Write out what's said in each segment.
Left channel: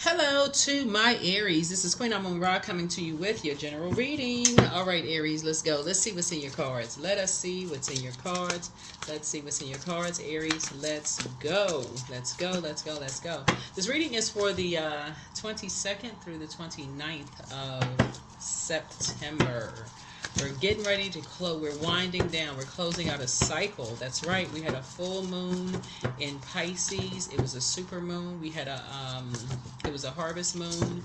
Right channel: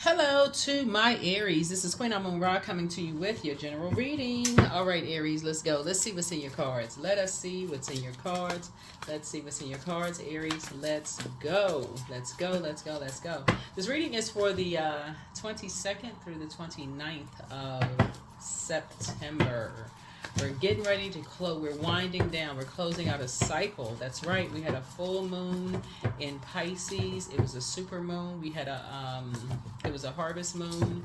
Hello to my Aries. This is Queen Amun Ra coming to you with your general reading. All right, Aries, let's go. Let's see what's in your cards. Let us see what's in your cards. Let's see what's in your cards, Aries. Let's go. Let's go. Let's go. Let's go. This reading is for the 22nd through the 29th of September. We're getting ready to close. We're winding down. We're closing out a cycle. That's right. We had a full moon in Pisces. It was a super moon. We had it was a harvest moon.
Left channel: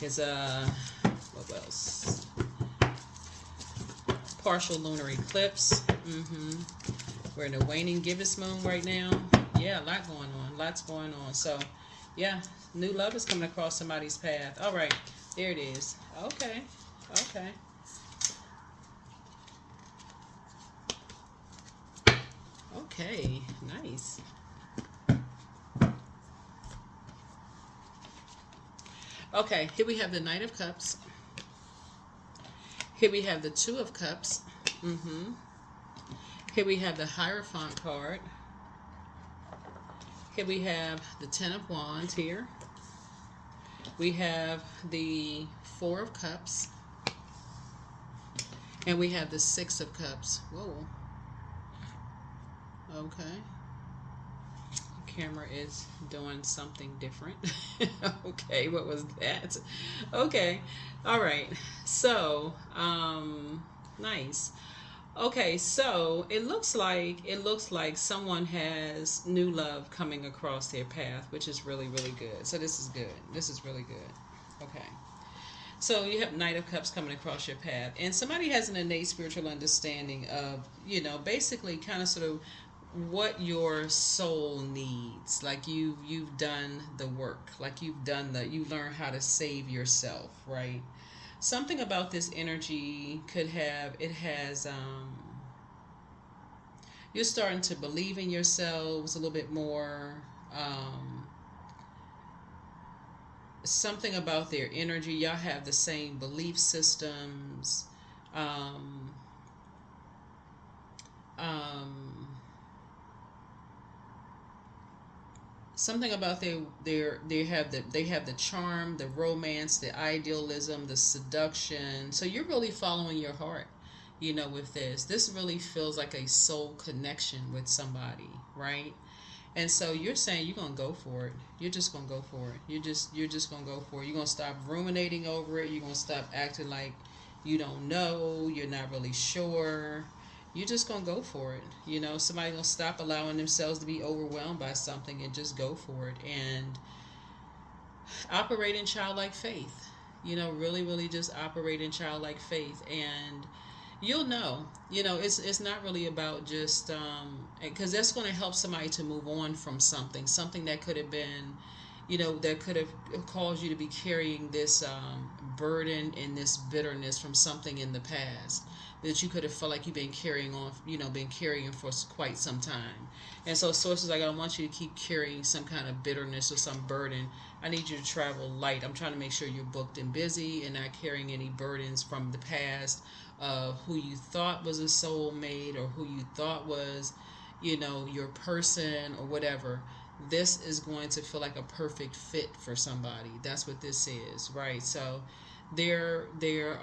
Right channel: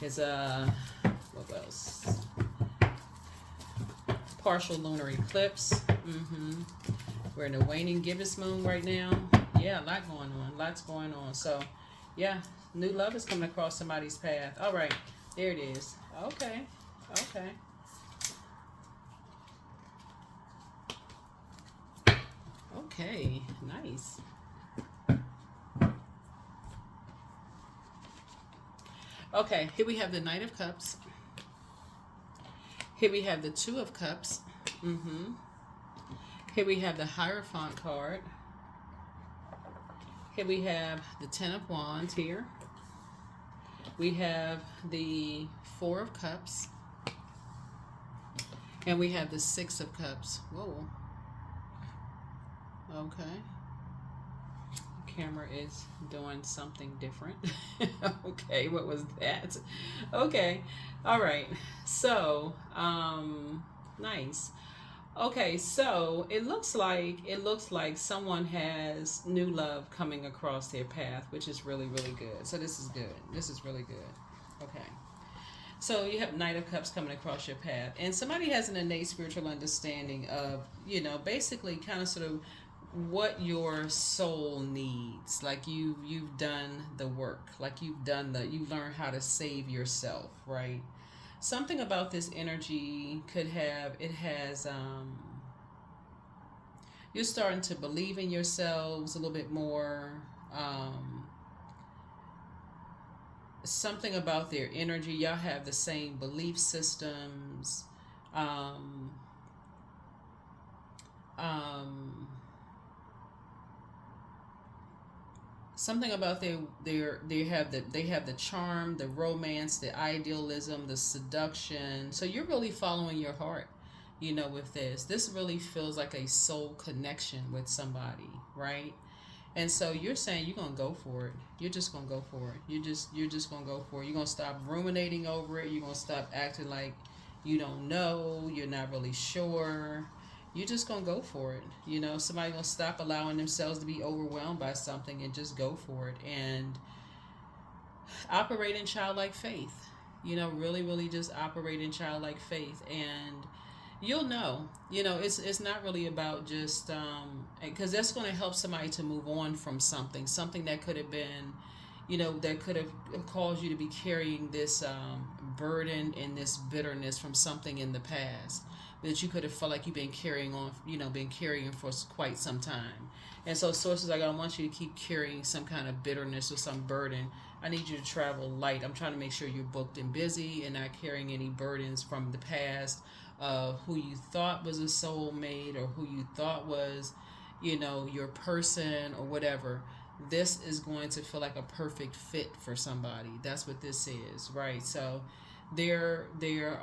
It's what else? Partial lunar eclipse. We're in a waning gibbous moon right now. Yeah, a lot going on. Lots going on. So, yeah, new love is coming across somebody's path. All right, there it is. Okay, okay. Okay, nice. Okay, here we have the Knight of Cups. Here we have the Two of Cups. Here we have the Hierophant card. Here we have the Ten of Wands here. We have the Four of Cups. And we have the Six of Cups. Whoa. Okay. Camera is doing something different. Okay, what was that? Okay, all right. So, nice. Okay, so it looks like someone has new love coming across their path, which is really good. So this is good. This is really good. Okay. So you have Knight of Cups coming across your path, and somebody has an innate spiritual understanding of, basically kind of sort of what your soul needs. Like you've done the work, like you learn how to save yourself, right? Something about this energy you're starting to believe in yourselves a little bit more. Something about their energy, y'all have the same belief systems. um, um, Something about they have the charm, the romance, the idealism, the seduction. So you're really following your heart, with this. This really feels like a soul connection with somebody, right? And so you're saying you're gonna go for it. You're just gonna go for it. You're just gonna go for it. You're gonna stop ruminating over it. You're gonna stop acting like you don't know. You're not really sure. You're just gonna go for it. Somebody gonna stop allowing themselves to be overwhelmed by something and just go for it and operate in childlike faith. Really just operate in childlike faith, and you'll know. It's not really about just because that's going to help somebody to move on from something that could have been, that could have caused you to be carrying this burden and this bitterness from something in the past that you could have felt like you've been carrying on, been carrying for quite some time. And so sources like, I don't want you to keep carrying some kind of bitterness or some burden. I need you to travel light. I'm trying to make sure you're booked and busy and not carrying any burdens from the past, who you thought was a soulmate or who you thought was, your person or whatever. This is going to feel like a perfect fit for somebody. That's what this is, right? So there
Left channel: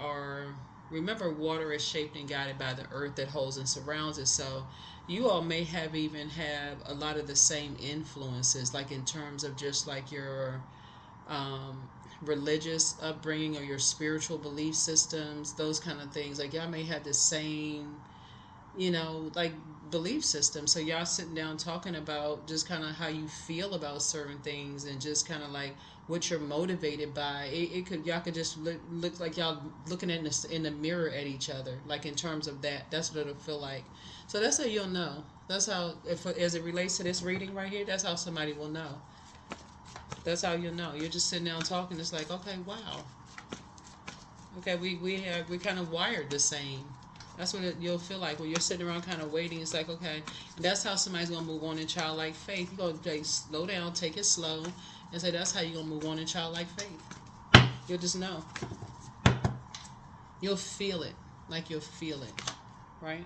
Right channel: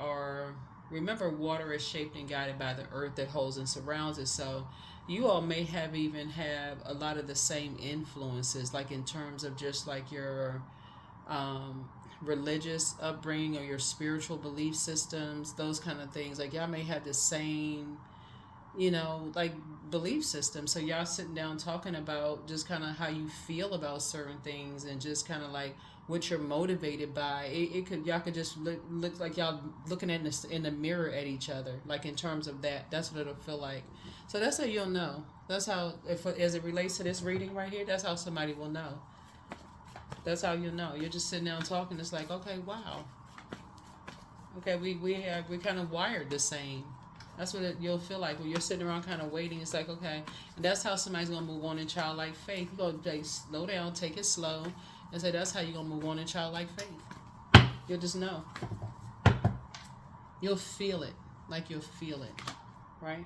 are, remember, water is shaped and guided by the earth that holds and surrounds it. So you all may have a lot of the same influences, like in terms of just like your religious upbringing or your spiritual belief systems, those kind of things. Like y'all may have the same, like belief system. So y'all sitting down talking about just kind of how you feel about certain things and just kind of like what you're motivated by. Y'all could just look like y'all looking in the mirror at each other, like in terms of that. That's what it'll feel like. So that's how you'll know. That's how, if as it relates to this reading right here, that's how somebody will know. That's how you know. You're just sitting down talking. It's like, okay, wow. Okay, we kind of wired the same. That's what you'll feel like when you're sitting around kind of waiting. It's like, okay, and that's how somebody's gonna move on in childlike faith. You're gonna slow down, take it slow, and say that's how you're gonna move on in childlike faith. You'll just know. You'll feel it, like you'll feel it, right?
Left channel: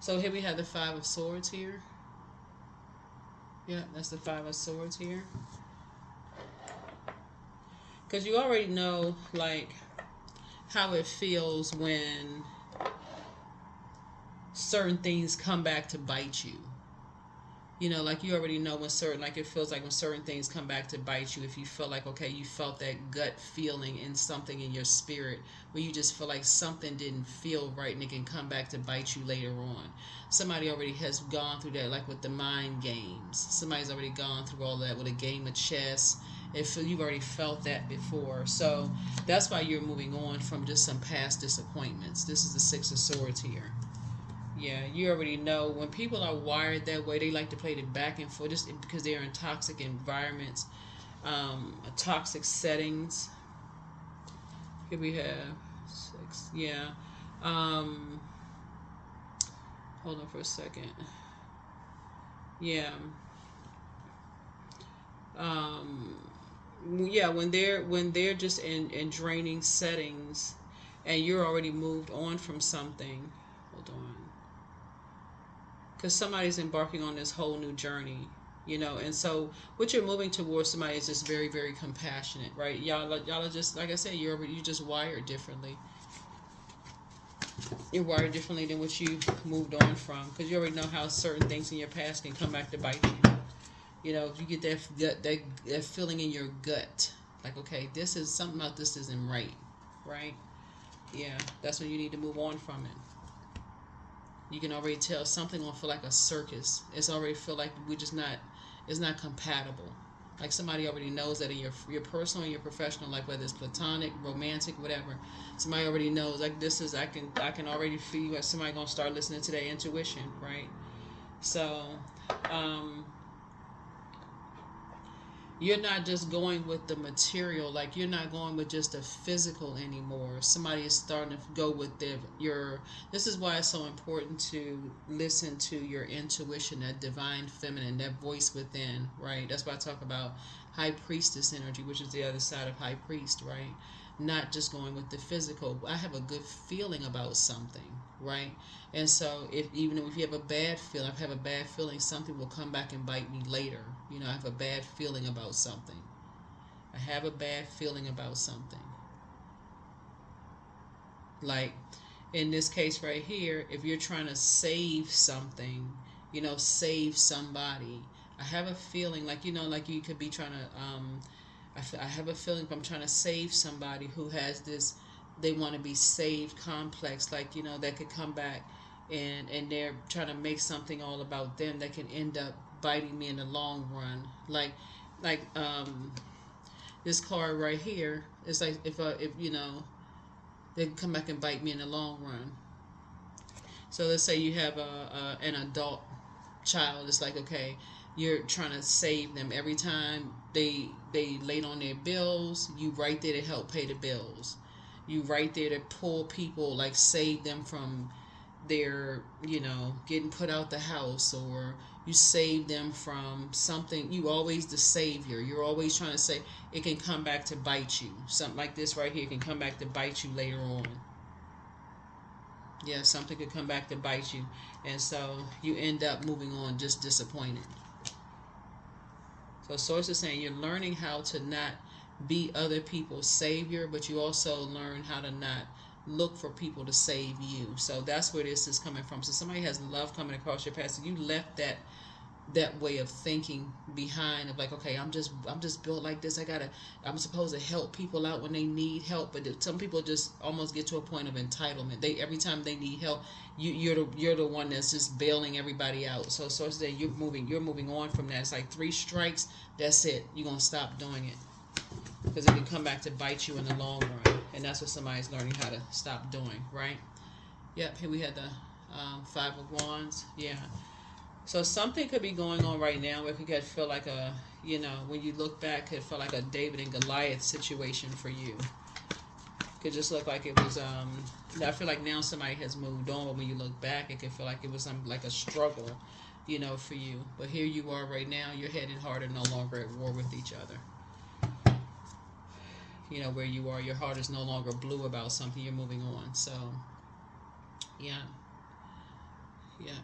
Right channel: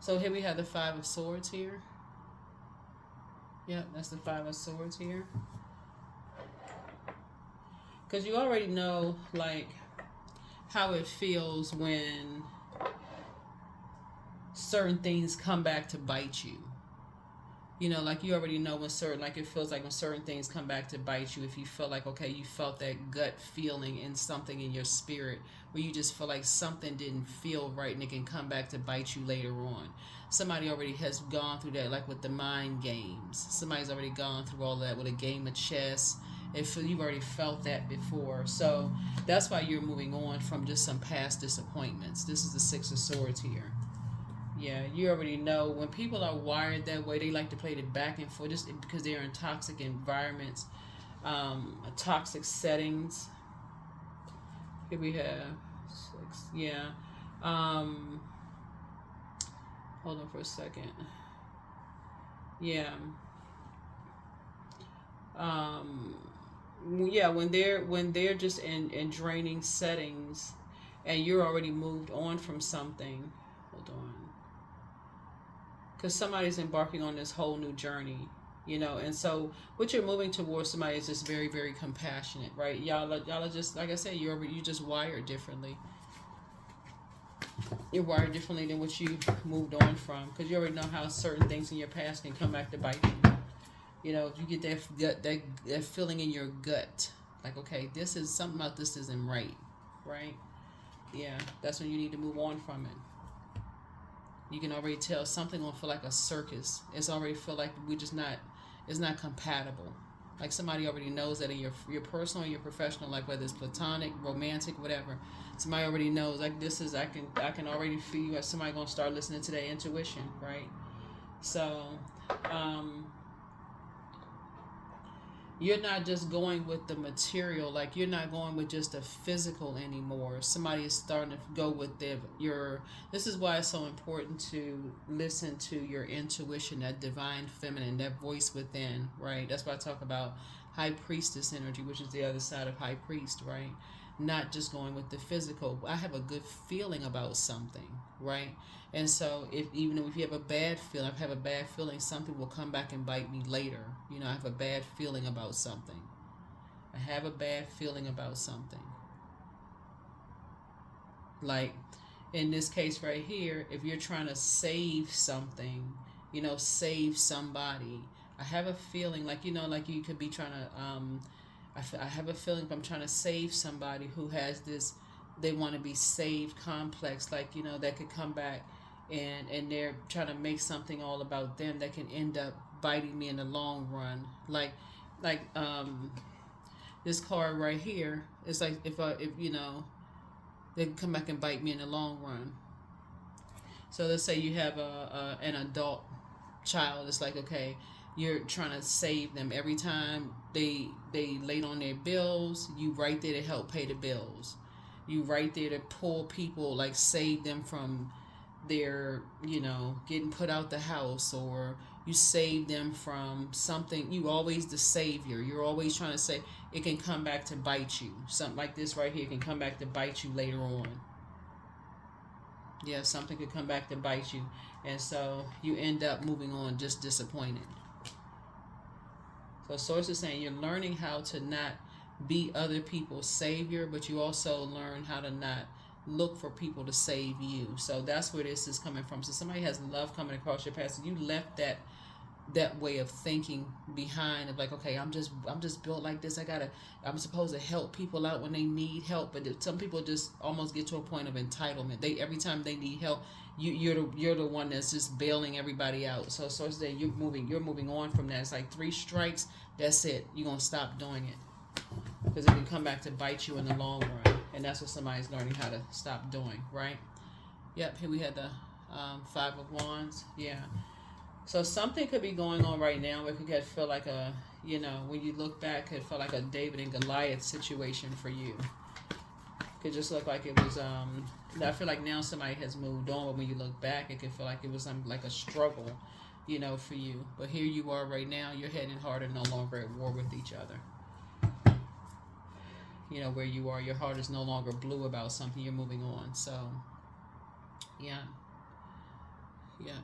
So here we have the Five of Swords here. Yeah, that's the Five of Swords here. Because you already know, like, how it feels when certain things come back to bite you. You know, like you already know when certain, like it feels like when certain things come back to bite you, if you feel like, okay, you felt that gut feeling in something in your spirit where you just feel like something didn't feel right and it can come back to bite you later on. Somebody already has gone through that, like with the mind games. Somebody's already gone through all that with a game of chess. You've already felt that before. So that's why you're moving on from just some past disappointments. This is the Six of Swords here. Yeah, you already know when people are wired that way, they like to play the back and forth just because they're in toxic environments, toxic settings. Here we have 6. Yeah. Hold on for a second. Yeah. Yeah, when they're just in draining settings and you're already moved on from something. Hold on. Because somebody's embarking on this whole new journey, you know, and so what you're moving towards somebody is just very, very compassionate, right? Y'all are just, like I said, you just wired differently. You're wired differently than what you moved on from, because you already know how certain things in your past can come back to bite you. You know, if you get that feeling in your gut, like, okay, this is something about this isn't right, right? Yeah, that's when you need to move on from it. You can already tell something gonna feel like a circus. It's already feel like it's not compatible. Like somebody already knows that in your personal and your professional life, whether it's platonic, romantic, whatever. Somebody already knows, like, this is, I can already feel like somebody gonna start listening to their intuition, right? So, you're not just going with the material, like you're not going with just the physical anymore. Somebody is starting to go with this is why it's so important to listen to your intuition, that divine feminine, that voice within, right? That's why I talk about high priestess energy, which is the other side of high priest, right? Not just going with the physical. I have a good feeling about something, right? And so, even if you have a bad feeling, I have a bad feeling something will come back and bite me later. You know, I have a bad feeling about something. I have a bad feeling about something. Like in this case right here, if you're trying to save something, you know, save somebody, I have a feeling like, you know, like you could be trying to, I have a feeling if I'm trying to save somebody who has this, they want to be saved complex, like, you know, that could come back and they're trying to make something all about them that can end up biting me in the long run. Like this card right here is like if you know, they can come back and bite me in the long run. So let's say you have an adult child. It's like, okay, you're trying to save them. Every time they late on their bills, you right there to help pay the bills. You right there to pull people, like save them from their, you know, getting put out the house, or you save them from something. You always the savior. You're always trying to say it can come back to bite you. Something like this right here can come back to bite you later on. Yeah, something could come back to bite you, and so you end up moving on just disappointed. So source is saying you're learning how to not be other people's savior, but you also learn how to not look for people to save you. So that's where this is coming from. So somebody has love coming across your path. So you left that way of thinking behind, of like, okay, I'm just built like this. I'm supposed to help people out when they need help. But some people just almost get to a point of entitlement. They, every time they need help, you're the one that's just bailing everybody out. So that you're moving on from that. It's like 3 strikes. That's it. You're gonna stop doing it, because it can come back to bite you in the long run. And that's what somebody's learning how to stop doing, right? Yep. Here we had the 5 of Wands. Yeah. So something could be going on right now if you could feel like a, you know, when you look back, it felt like a David and Goliath situation for you. Could just look like it was, I feel like now somebody has moved on, but when you look back, it could feel like it was like a struggle, you know, for you. But here you are right now, you're heading harder, no longer at war with each other. You know, where you are, your heart is no longer blue about something, you're moving on. So, yeah. Yeah.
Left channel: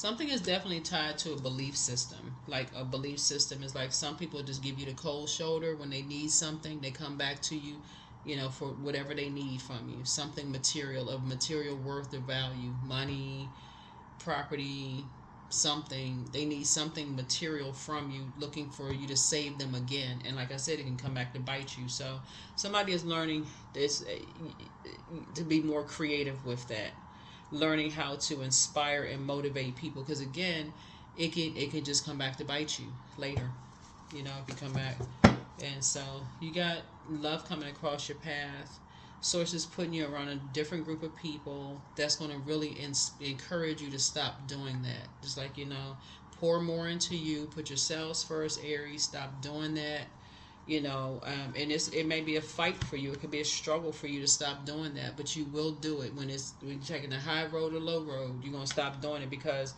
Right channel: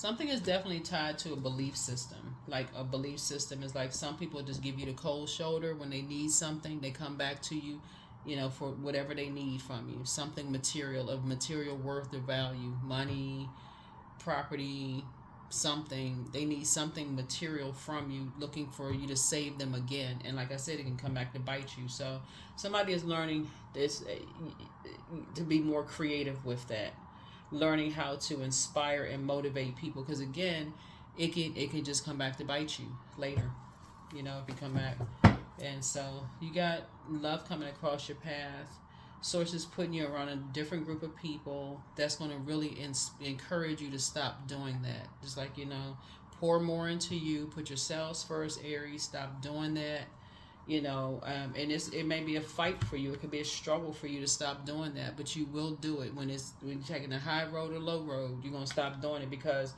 Something is definitely tied to a belief system. Like a belief system is like some people just give you the cold shoulder when they need something. They come back to you, for whatever they need from you. Something material, of material worth or value, money, property, something. They need something material from you, looking for you to save them again. And like I said, it can come back to bite you. So somebody is learning this to be more creative with that, learning how to inspire and motivate people. Because again, it can just come back to bite you later. If you come back. And so you got love coming across your path. Sources putting you around a different group of people that's going to really encourage you to stop doing that. Just like, pour more into you, put yourselves first, Aries. Stop doing that. And it may be a fight for you. It could be a struggle for you to stop doing that, but you will do it when you're taking the high road or low road. You're going to stop doing it, because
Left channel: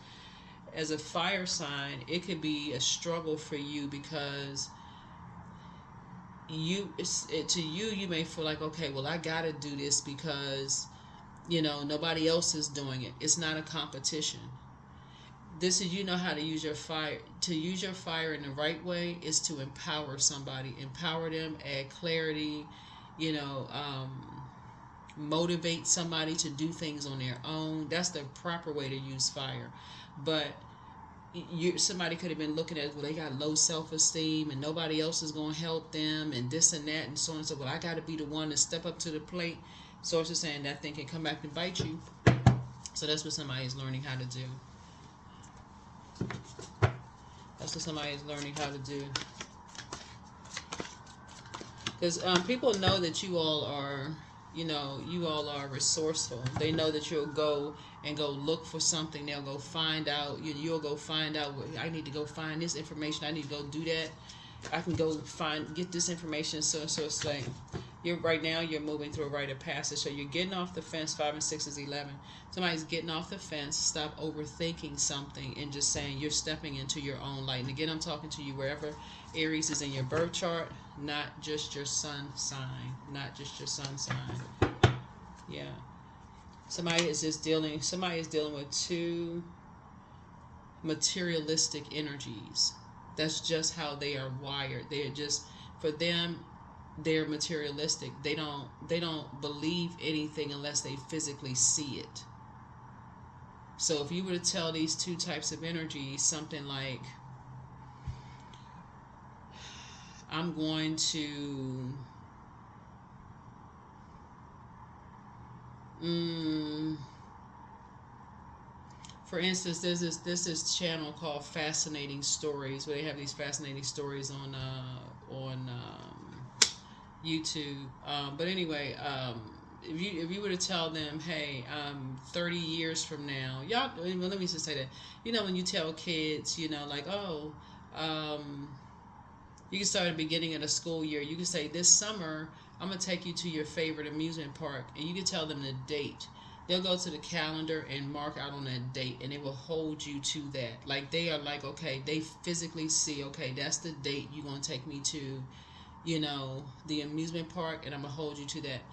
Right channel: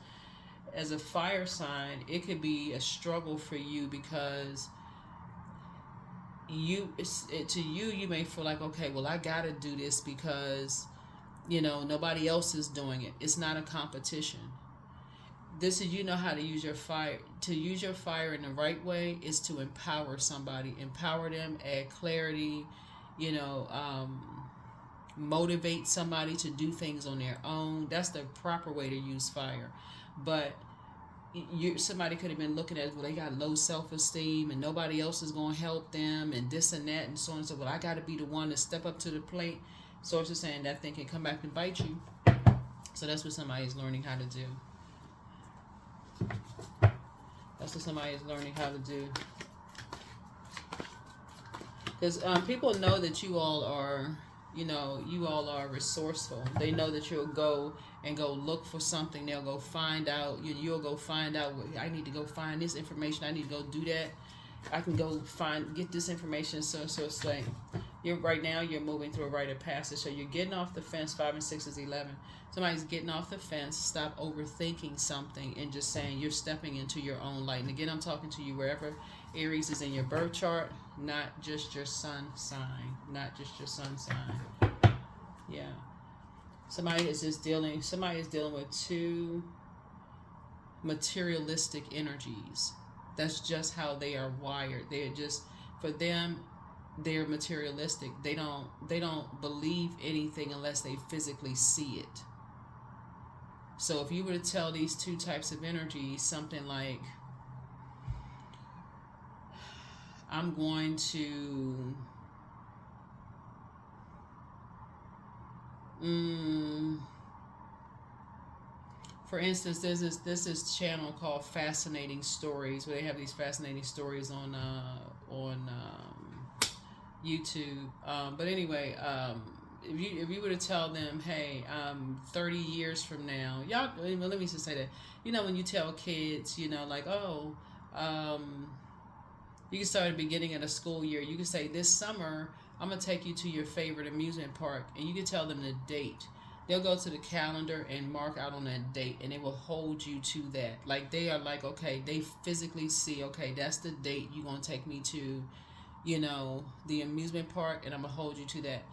as a fire sign, it could be a struggle for you, because you may feel like, okay, well, I got to do this because nobody else is doing it. It's not a competition. This is, how to use your fire. To use your fire in the right way is to empower somebody, empower them, add clarity, motivate somebody to do things on their own. That's the proper way to use fire. But somebody could have been looking at, well, they got low self-esteem and nobody else is going to help them and this and that and so on and so. Well, I got to be the one to step up to the plate. Source is saying that thing can come back and bite you. So that's what somebody's learning how to do. That's what somebody's learning how to do. Because people know that you all are, resourceful. They know that you'll go look for something. They'll go find out. You'll go find out. I need to go find this information. I need to go do that. I can go get this information. So saying, right now you're moving through a rite of passage. So you're getting off the fence. 5 and 6 is 11. Somebody's getting off the fence. Stop overthinking something and just saying you're stepping into your own light. And again, I'm talking to you wherever Aries is in your birth chart, not just your sun sign, Yeah. Somebody is dealing with two materialistic energies. That's just how they are wired. They're just, for them, they're materialistic. They don't believe anything unless they physically see it. So if you were to tell these two types of energies something like, I'm going to for instance, there's this channel called Fascinating Stories, where they have these fascinating stories on YouTube. But anyway, if you were to tell them, hey, 30 years from now, y'all, let me just say that, when you tell kids, like, oh, you can start at the beginning of the school year. You can say, this summer, I'm going to take you to your favorite amusement park. And you can tell them the date. They'll go to the calendar and mark out on that date, and it will hold you to that. Like, they are like, okay, they physically see, okay, that's the date you're going to take me to, the amusement park, and I'm going to hold you to that.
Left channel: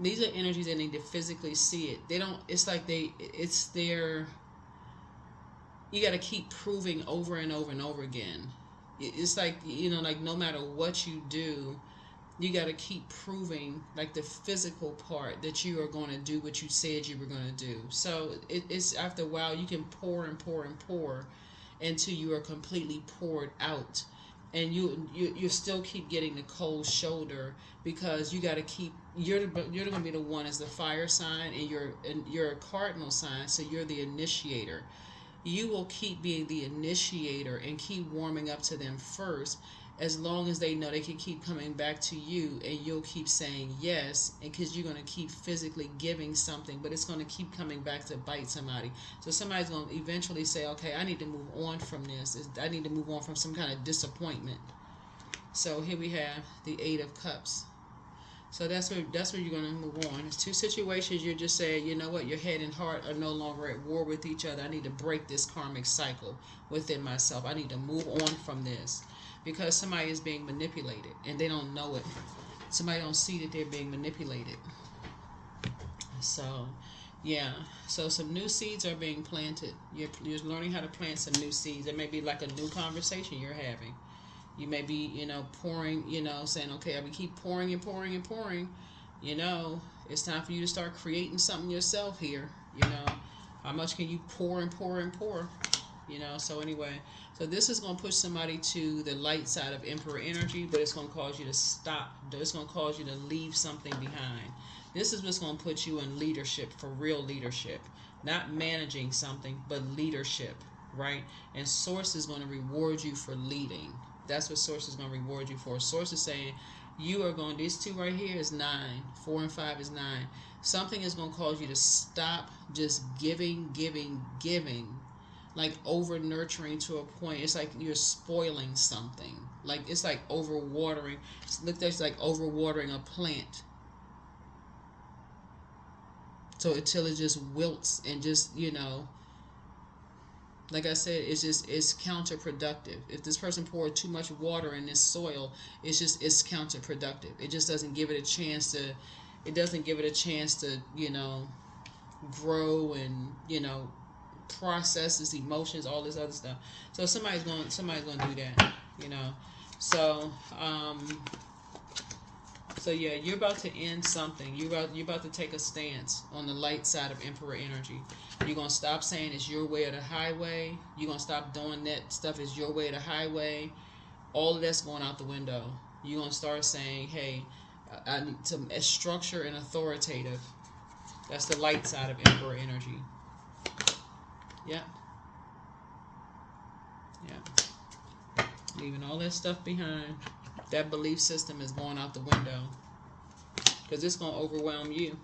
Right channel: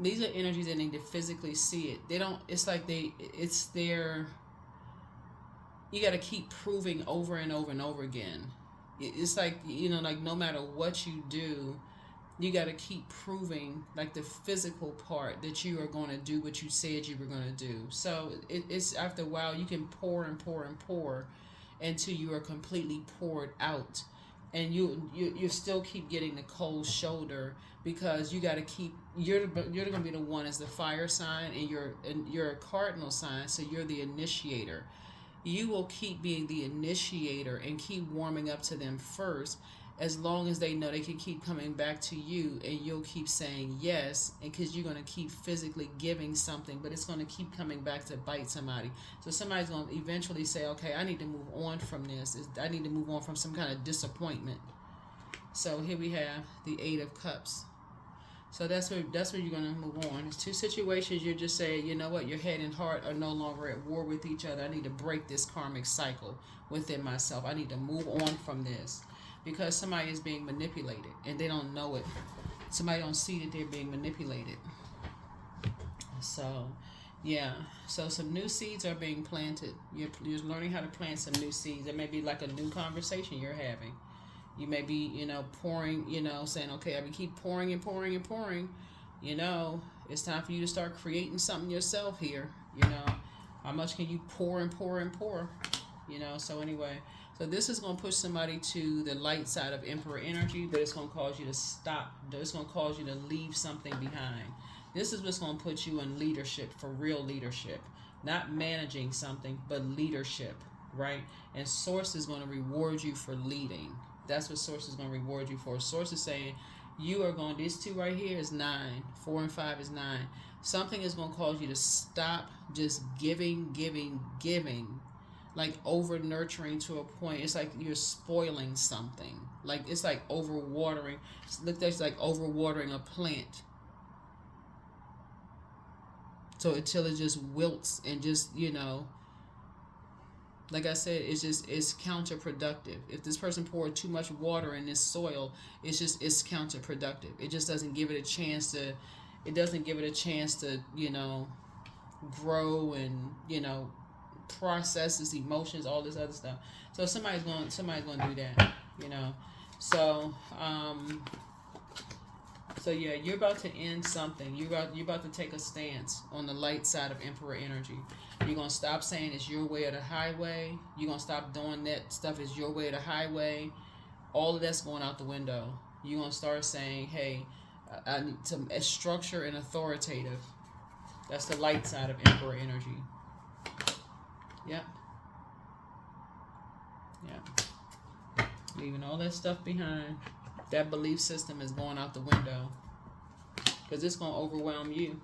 These are energies that need to physically see it. They don't, it's like it's their, you got to keep proving over and over and over again. It's like, like no matter what you do, you got to keep proving, like, the physical part that you are going to do what you said you were going to do. So it's after a while you can pour and pour and pour until you are completely poured out, and you still keep getting the cold shoulder, because you got to keep, you're going to be the one as the fire sign, and you're a cardinal sign, so you're the initiator. You will keep being the initiator and keep warming up to them first, as long as they know they can keep coming back to you, and you'll keep saying yes, and because you're going to keep physically giving something, but it's going to keep coming back to bite somebody. So somebody's going to eventually say, okay, I need to move on from this. I need to move on from some kind of disappointment. So here we have the 8 of Cups. So that's where you're going to move on. It's two situations you're just saying, you know what, your head and heart are no longer at war with each other. I need to break this karmic cycle within myself. I need to move on from this, because somebody is being manipulated and they don't know it. Somebody don't see that they're being manipulated. So Yeah. So some new seeds are being planted. You're learning how to plant some new seeds. It may be like a new conversation you're having. You may be, pouring, saying, okay, I will keep pouring and pouring and pouring. It's time for you to start creating something yourself here. How much can you pour and pour and pour? So anyway, so this is going to push somebody to the light side of Emperor energy, but it's going to cause you to stop. It's going to cause you to leave something behind. This is what's going to put you in leadership, for real leadership. Not managing something, but leadership, right? And Source is going to reward you for leading. That's what Source is going to reward you for. Source is saying, you are going, these two right here is 9. 4 and 5 is 9. Something is going to cause you to stop just giving, giving, giving. Like over nurturing to a point. It's like you're spoiling something. Like it's like over watering. Look, that's like over watering a plant. So until it just wilts and just, like I said, it's counterproductive. If this person poured too much water in this soil, it's counterproductive. It just doesn't give it a chance to, grow and, processes emotions, all this other stuff. So somebody's going to do that, So so yeah, you're about to end something. You're about to take a stance on the light side of Emperor energy. You're gonna stop saying it's your way or the highway. You're gonna stop doing that stuff is your way or the highway. All of that's going out the window. You're gonna start saying, hey, I need some structure and authoritative. That's the light side of Emperor energy. Yeah. Yeah. Leaving all that stuff behind. That belief system is going out the window. Because it's going to overwhelm you.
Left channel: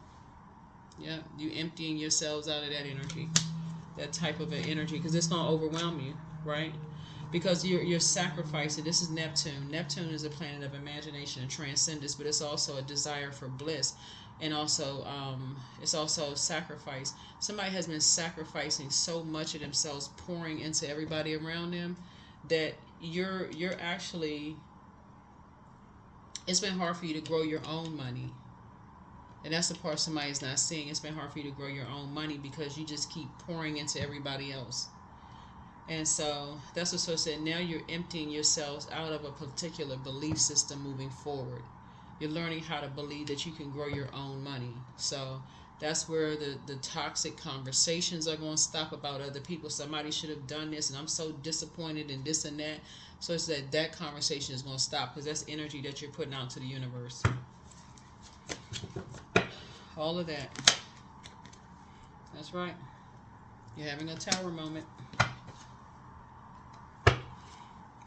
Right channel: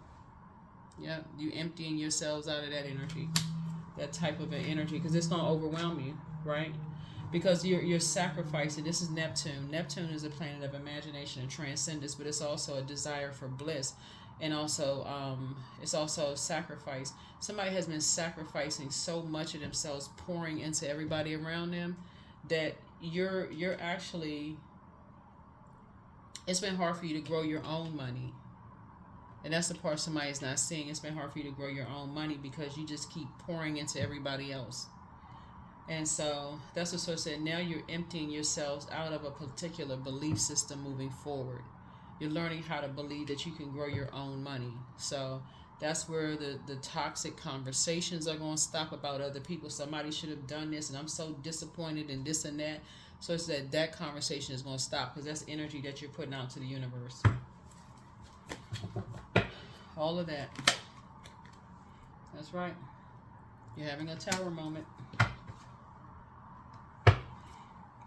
Yeah. You emptying yourselves out of that energy. That type of an energy. Because it's going to overwhelm you. Right? Because you're sacrificing. This is Neptune. Neptune is a planet of imagination and transcendence. But it's also a desire for bliss. And also, it's also sacrifice. Somebody has been sacrificing so much of themselves, pouring into everybody around them, that you're actually, it's been hard for you to grow your own money. And that's the part somebody's not seeing. It's been hard for you to grow your own money because you just keep pouring into everybody else. And so that's what Source said. Now you're emptying yourselves out of a particular belief system moving forward. You're learning how to believe that you can grow your own money. So that's where the toxic conversations are going to stop about other people. Somebody should have done this, and I'm so disappointed in this and that. So it's that conversation is going to stop because that's energy that you're putting out to the universe. All of that. That's right. You're having a tower moment.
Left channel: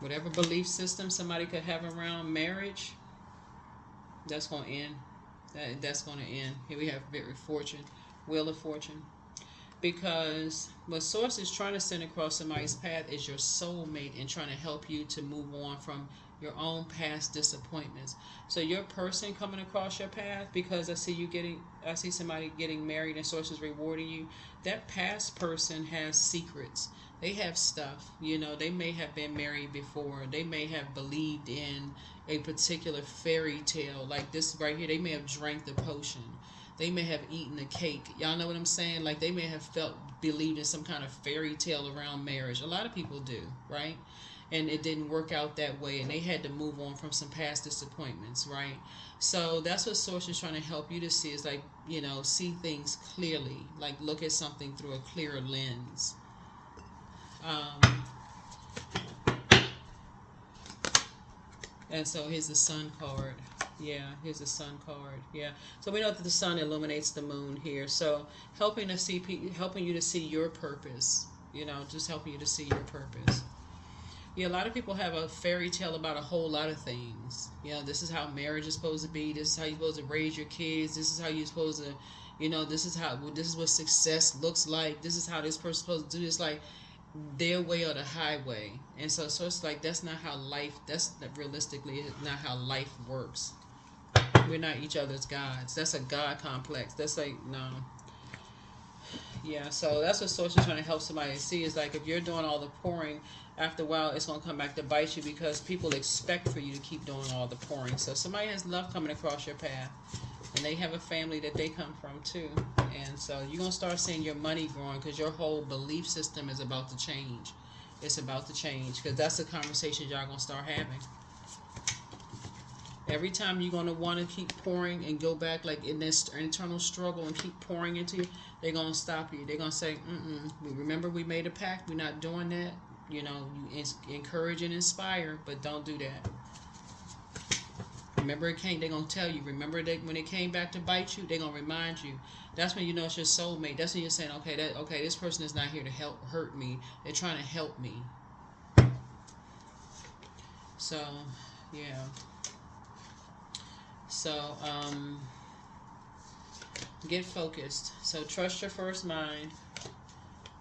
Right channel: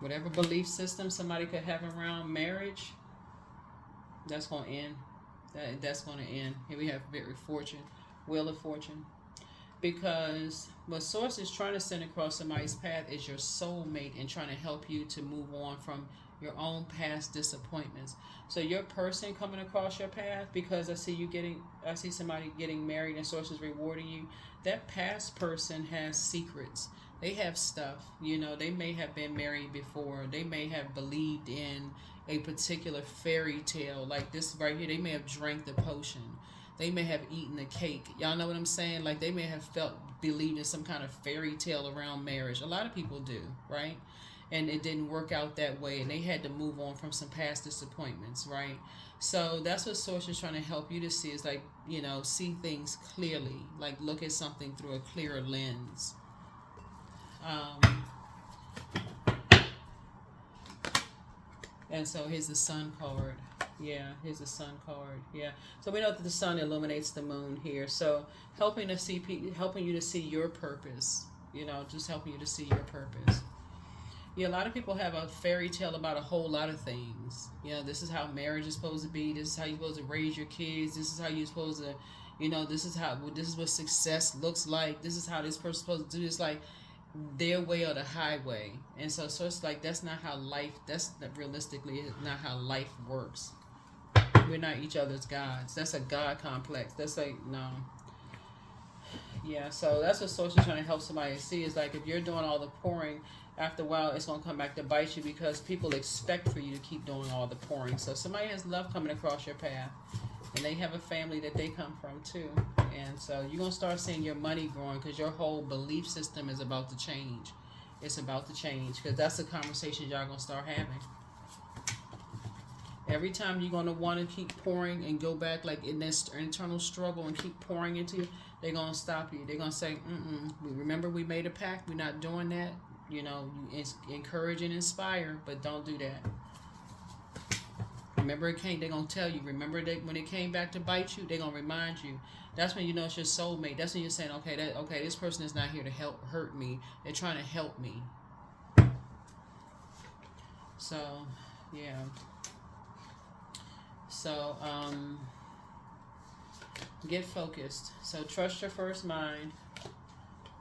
Whatever belief system somebody could have around marriage, that's going to end. That's going to end. Here we have fortune, wheel of fortune. Because what Source is trying to send across somebody's path is your soulmate and trying to help you to move on from your own past disappointments. So your person coming across your path, because I see somebody getting married and Source is rewarding you. That past person has secrets. They have stuff. They may have been married before. They may have believed in a particular fairy tale like this right here. They may have drank the potion. They may have eaten a cake. Y'all know what I'm saying? Like they may have believed in some kind of fairy tale around marriage. A lot of people do, right? And it didn't work out that way, and they had to move on from some past disappointments, right? So that's what Source is trying to help you to see, is like, see things clearly, like look at something through a clearer lens. And so here's the Sun card. Yeah, here's the Sun card. Yeah. So we know that the Sun illuminates the Moon here. So helping you to see your purpose. Just helping you to see your purpose. Yeah, a lot of people have a fairy tale about a whole lot of things. This is how marriage is supposed to be. This is how you're supposed to raise your kids. This is how you're supposed to, this is what success looks like. This is how this person's supposed to do this. Like, their way or the highway. And so it's like that's realistically not how life works. We're not each other's gods. That's a God complex. That's like, no. Yeah, so that's what Source is trying to help somebody see, is like if you're doing all the pouring, after a while it's going to come back to bite you, because people expect for you to keep doing all the pouring. So somebody has love coming across your path. And they have a family that they come from too. And so you're going to start seeing your money growing because your whole belief system is about to change. It's about to change because that's the conversation y'all going to start having. Every time you're going to want to keep pouring and go back like in this internal struggle and keep pouring into you, they're going to stop you. They're going to say, remember we made a pact. We're not doing that. You know, you encourage and inspire, but don't do that. Remember it came, they're going to tell you. Remember that when it came back to bite you, they're going to remind you. That's when you know it's your soulmate. That's when you're saying, okay, this person is not here to hurt me. They're trying to help me. So, yeah. So, get focused. So, trust your first mind.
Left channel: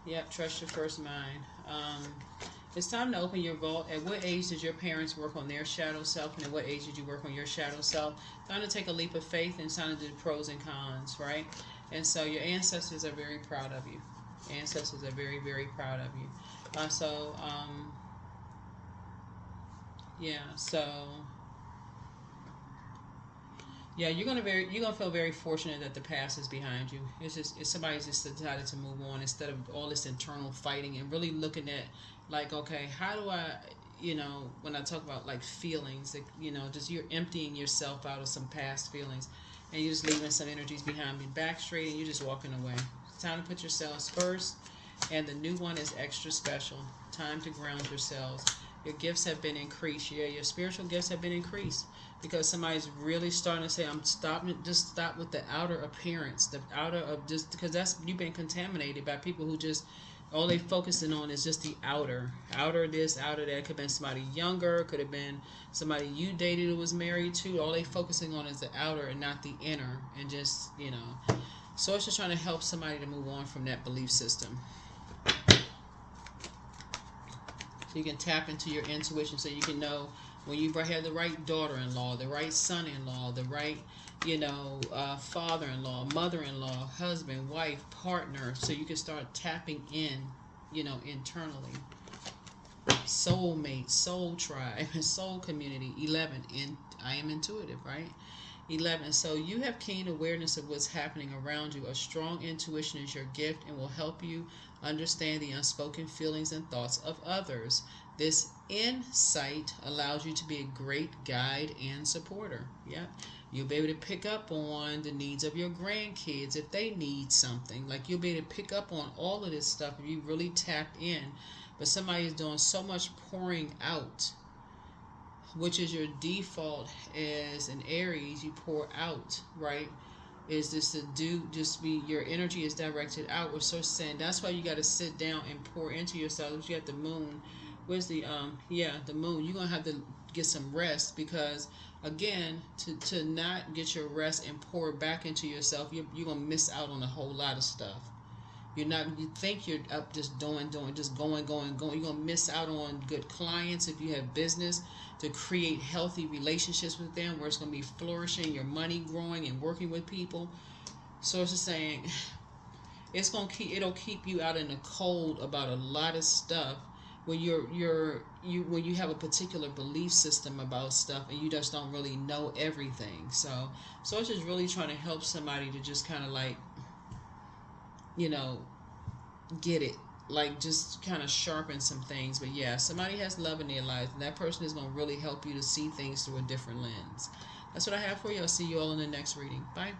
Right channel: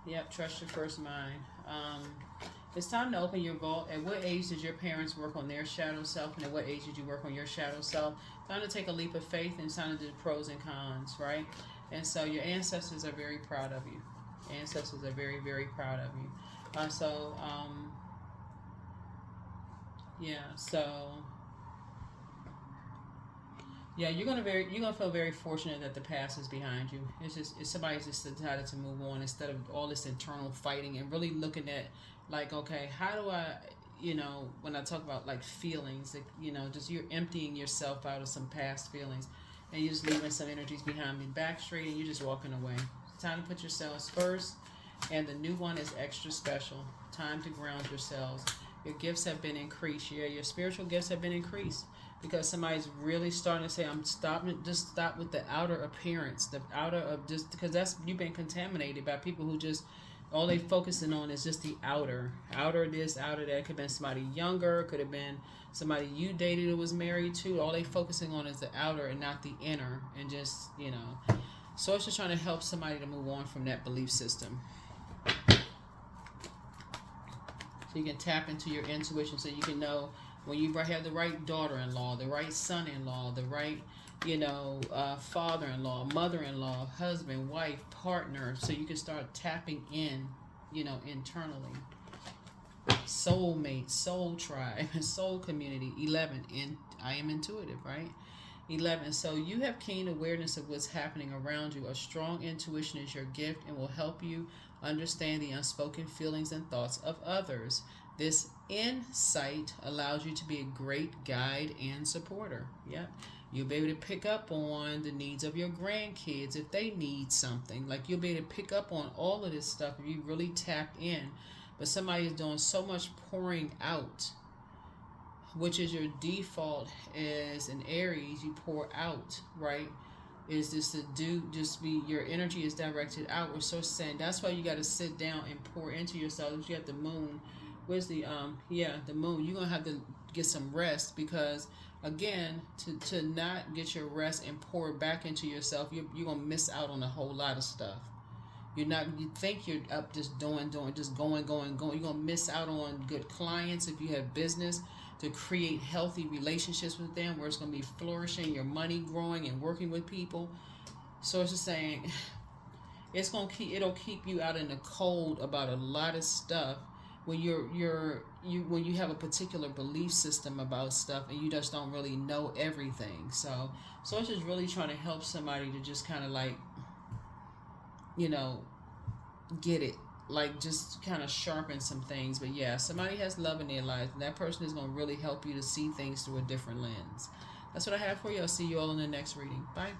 Yep, trust your first mind. It's time to open your vault. At what age did your parents work on their shadow self, and at what age did you work on your shadow self? Time to take a leap of faith and time to do pros and cons, right? And so your ancestors are very proud of you. Ancestors are very, very proud of you. You're gonna feel very fortunate that the past is behind you. It's somebody's just decided to move on instead of all this internal fighting and really looking at like, okay, how do I, when I talk about like feelings, like, just you're emptying yourself out of some past feelings and you're just leaving some energies behind me back straight and you're just walking away. It's time to put yourselves first, and the new one is extra special. Time to ground yourselves. Your gifts have been increased. Your spiritual gifts have been increased because somebody's really starting to say, I'm stopping, just stop with the outer appearance, the outer of just, because you've been contaminated by people who just, all they focusing on is just the outer this, outer that. Could have been somebody younger, could have been somebody you dated who was married to. All they focusing on is the outer and not the inner, and just, so it's just trying to help somebody to move on from that belief system. So you can tap into your intuition so you can know when you have the right daughter-in-law, the right son-in-law, the right, father-in-law, mother-in-law, husband, wife, partner, so you can start tapping in, internally. Soulmate, soul tribe, soul community. 11, and I am intuitive, right? 11, so you have keen awareness of what's happening around you. A strong intuition is your gift and will help you understand the unspoken feelings and thoughts of others. This insight allows you to be a great guide and supporter. Yeah, you'll be able to pick up on the needs of your grandkids if they need something. Like, you'll be able to pick up on all of this stuff if you really tapped in. But somebody is doing so much pouring out, which is your default as an Aries. You pour out, right? Is this to do, just be, your energy is directed outward. So saying that's why you got to sit down and pour into yourself. You have the moon. Where's the the moon? You're gonna have to get some rest, because again, to not get your rest and pour back into yourself, you're gonna miss out on a whole lot of stuff. You think you're up just doing, just going. You're gonna miss out on good clients if you have business, to create healthy relationships with them where it's gonna be flourishing, your money growing and working with people. So it's just saying, it'll keep you out in the cold about a lot of stuff when when you have a particular belief system about stuff and you just don't really know everything. So it's just really trying to help somebody to just kind of like, get it, like just kind of sharpen some things. But yeah, somebody has love in their lives, and that person is going to really help you to see things through a different lens. That's what I have for you. I'll see you all in the next reading. Bye.